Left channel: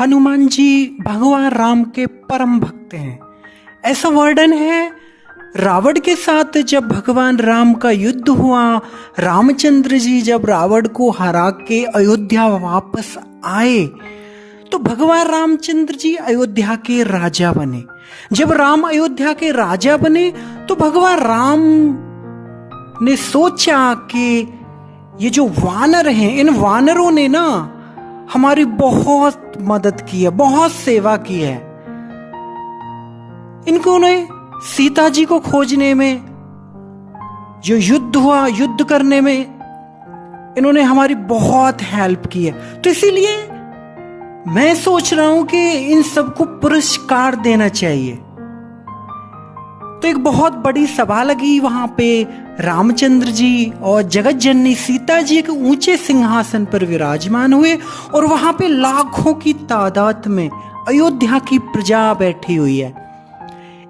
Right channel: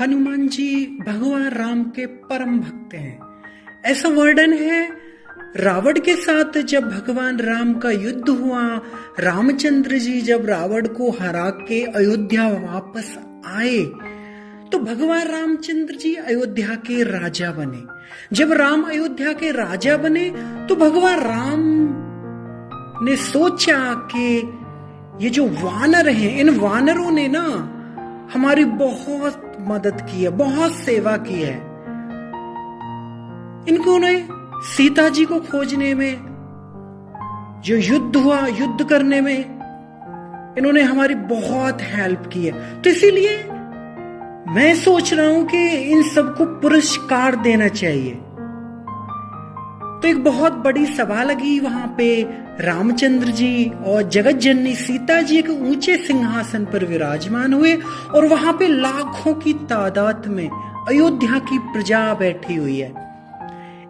हनुमान जी भगवान राम के परम भक्त हैं। ऐसा वर्णन है, रावण के साथ जब भगवान राम का युद्ध हुआ, रामचंद्र जी जब रावण को हरा के अयोध्या वापस आए तो भगवान रामचंद्र जी अयोध्या के राजा बने। जब राम अयोध्या के राजा बने तो भगवान राम ने सोचा कि ये जो वानर हैं, इन वानरों ने ना हमारी बहुत मदद की है, बहुत सेवा की है। इनको ने सीता जी को खोजने में, जो युद्ध हुआ, युद्ध करने में इन्होंने हमारी बहुत हेल्प की है। तो इसीलिए मैं सोच रहा हूं कि इन सबको पुरस्कार देना चाहिए। तो एक बहुत बड़ी सभा लगी वहां पे। रामचंद्र जी और जगत जननी सीता जी एक ऊंचे सिंहासन पर विराजमान हुए और वहां पे लाखों की तादाद में अयोध्या की प्रजा बैठी हुई है।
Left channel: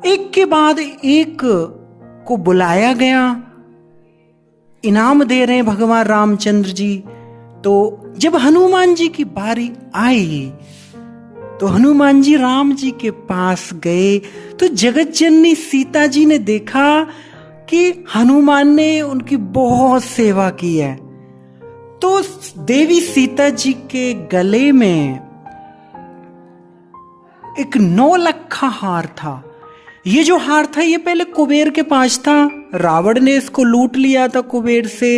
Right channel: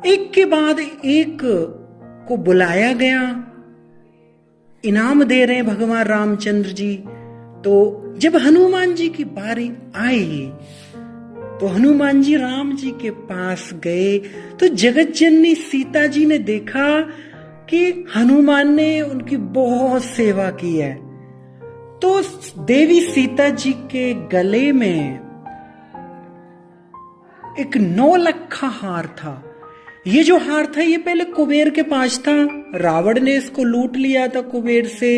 एक के बाद एक को बुलाया गया, इनाम दे रहे हैं भगवान रामचंद्र जी। तो जब हनुमान जी की बारी आई तो हनुमान जी राम जी के पास गए तो जगत जननी सीता जी ने देखा कि हनुमान ने उनकी बहुत सेवा की है। तो देवी सीता जी के गले में एक 9 लखा हार था। ये जो हार था ये पहले कुबेर के पास था। रावण ने इसको लूट लिया था कुबेर से।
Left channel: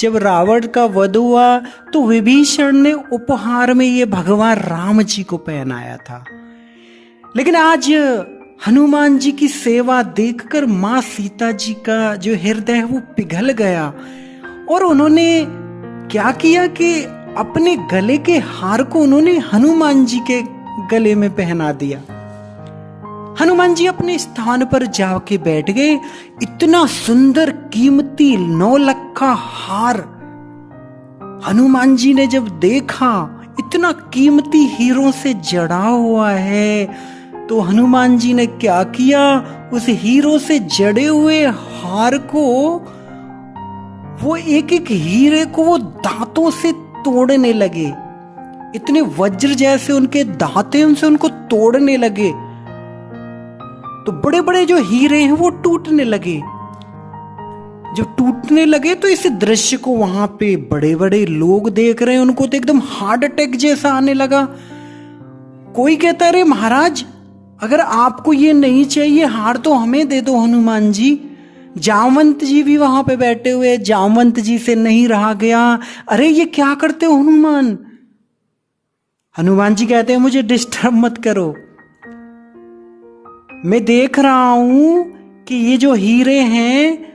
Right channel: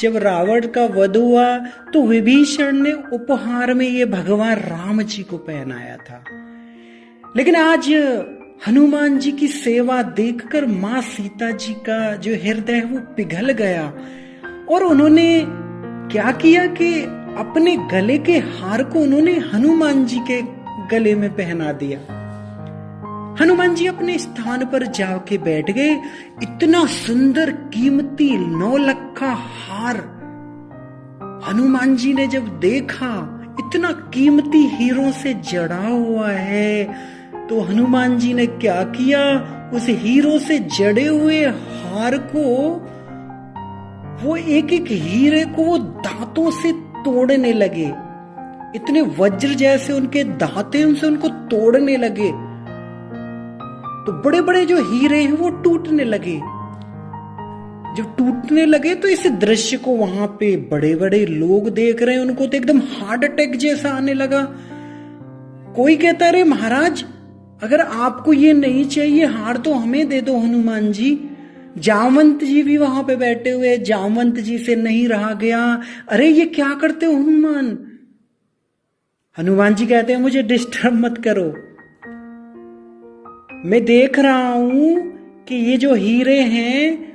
जब रावण का वध हुआ तो विभीषण ने उपहार में ये भगवान राम जी को पहनाया था। लेकिन आज हनुमान जी की सेवा देखकर माँ सीता जी का जो हृदय है वो पिघल गया और उन्होंने क्या किया कि अपने गले के हार को उन्होंने हनुमान जी के गले में पहना दिया। हनुमान जी अपने स्थान पर जाके बैठ गए। इतना सुंदर कीमती 9 लखा हार हनुमान जी ने जब देखा, इतना कीमती हीरों से जड़ा हुआ है, तो हनुमान जी ने क्या किया, उस हीरो से जड़े हुए हार को, वो एक एक हीरे को वो दांतों से तोड़ने लगे। इतने वज्र जैसे उनके दांत हैं, उनसे उनको तोड़ने लगे तो बड़े बड़े जो हीरे हैं वो टूटने लगे। जब टूटने लगे तो इस दृश्य को वहां पे बड़े बड़े लोग देख रहे हैं, उनको तो एकदम हार्ट अटैक जैसा आने लगा। कोई कहता अरे महाराज, अगर आपको ये नहीं चाहिए हार तो हमें दे दो हनुमान जी। जामवंत जी भी वहां पे बैठे हुए, जामवंत जी से नहीं रहा गया, अरे ये क्या करते हो हनुमान। हनुमान जी कहते हैं मुझे डिस्टर्ब मत करो, मैं देख रहा हूं कि ये जो हीरे हैं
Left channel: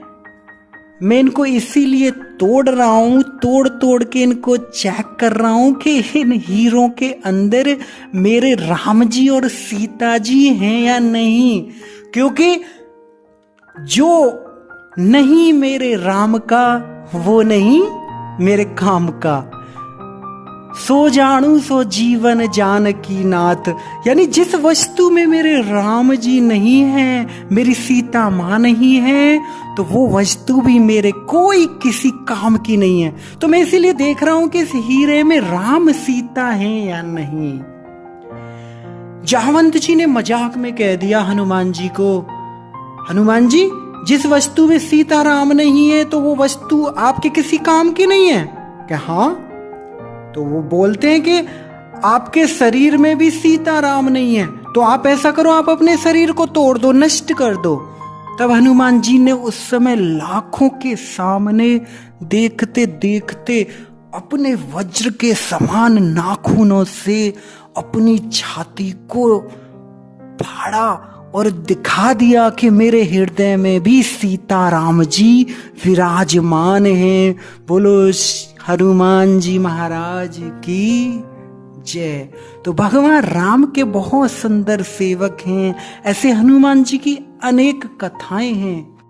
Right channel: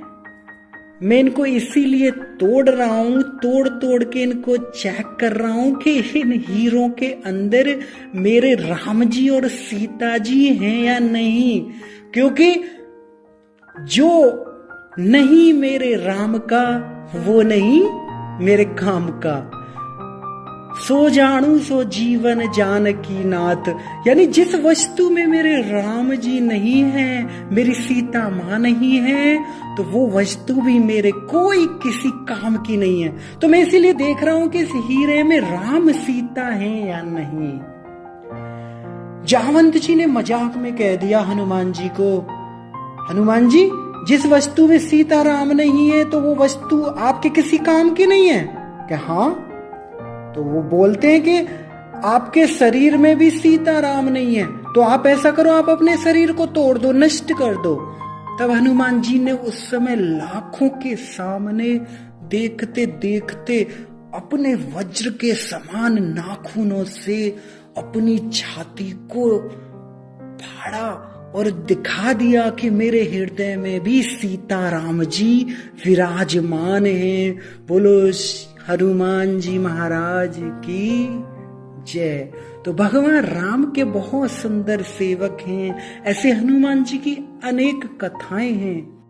मैं इनको इसीलिए तोड़ रहा हूं, तोड़ तोड़ के इनको चेक कर रहा हूं कि इन हीरों के अंदर मेरे राम जी और सीता जी हैं या नहीं। क्योंकि जो नहीं मेरे राम का वो नहीं मेरे काम का। सो जानू सो जीवन जानकी नाथ, यानी जिस वस्तु में मेरे राम जी नहीं है, मेरी सीता मां नहीं है, तो वो वस्तु भी मेरे कोई किसी काम की नहीं है। तो मैं इसीलिए देख रहा हूं कि इस हीरे में राम सीता है या नहीं। जामवंत जी ने मजाक में कह दिया हनुमान जी को, हनुमान जी जिस वस्तु में सीता राम नहीं है तो वो वस्तु आपके किसी काम की नहीं है क्या? हाँ। तो वो बोलते हैं कि आपके शरीर में भी सीता राम नहीं है, तो आप ऐसा करो, आप अपने शरीर को तोड़ दो, नष्ट कर दो। तब हनुमान जी ने उस समय लाखों के सामने देखते देखते अपने वज्र के समान नाखूनों से अपनी छाती को फाड़ा और दिखा दिया कि मेरे हृदय में भी सीता राम जी विराजमान हैं। बोलो हनुमान जी महाराज की जय। तो भगवान राम के बहुत सुंदर सेवक हैं। ऐसे हनुमान जी की अनेक कथाएं हैं।